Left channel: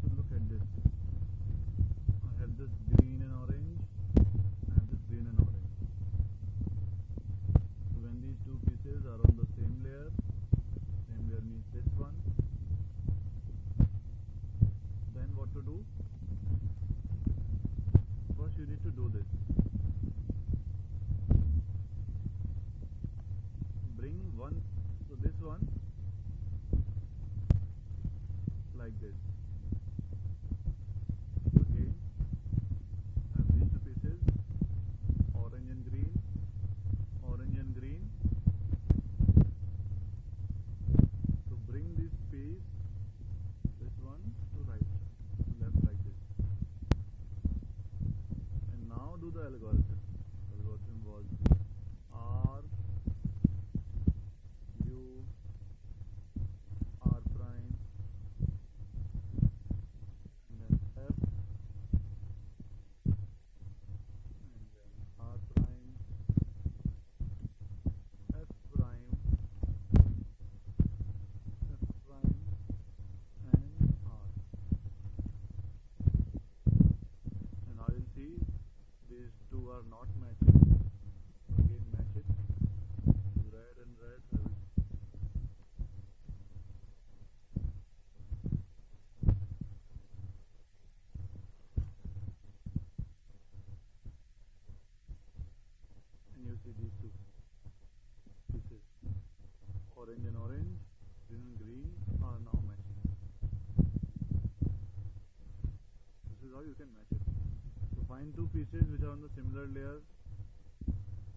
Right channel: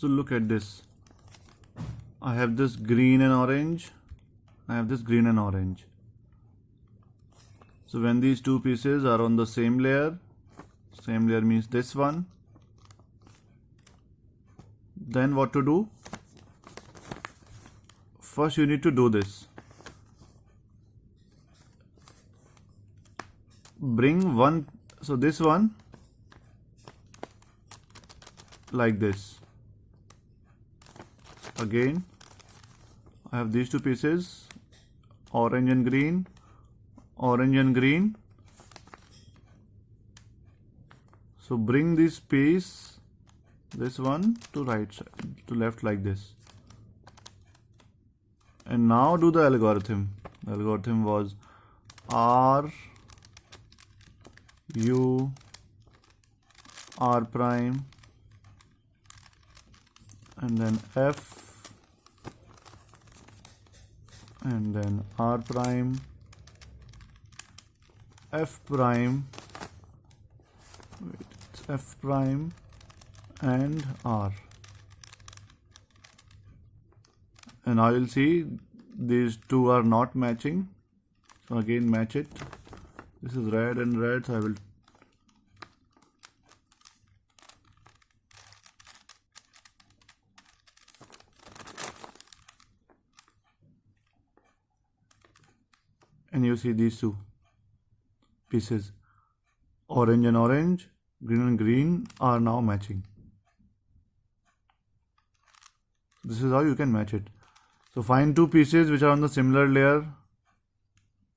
So look at this. I have this green and orange. I have this green and orange. So when these two pieces are on the same layer means this one, then what to do? First you need to do this. Bring one, so this one like this. Again I have these two pieces, orange and green, orange and green. So bring this piece, this one to right side, to left like this. And now do the algorithm. The algorithm was R, U, R prime, and then F, and then R prime, F prime, it's F prime and R. And now you'll see these two are not matching. So again match it. This is red and red, so I will and you see these two pieces, orange and orange, green and green, are now matching. This is how you can match it. So find two pieces which are on the similar layer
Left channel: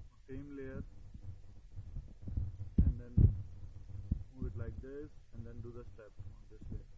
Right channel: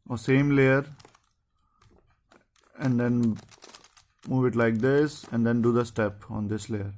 or same layer, and then move it like this, and then do the step on this layer.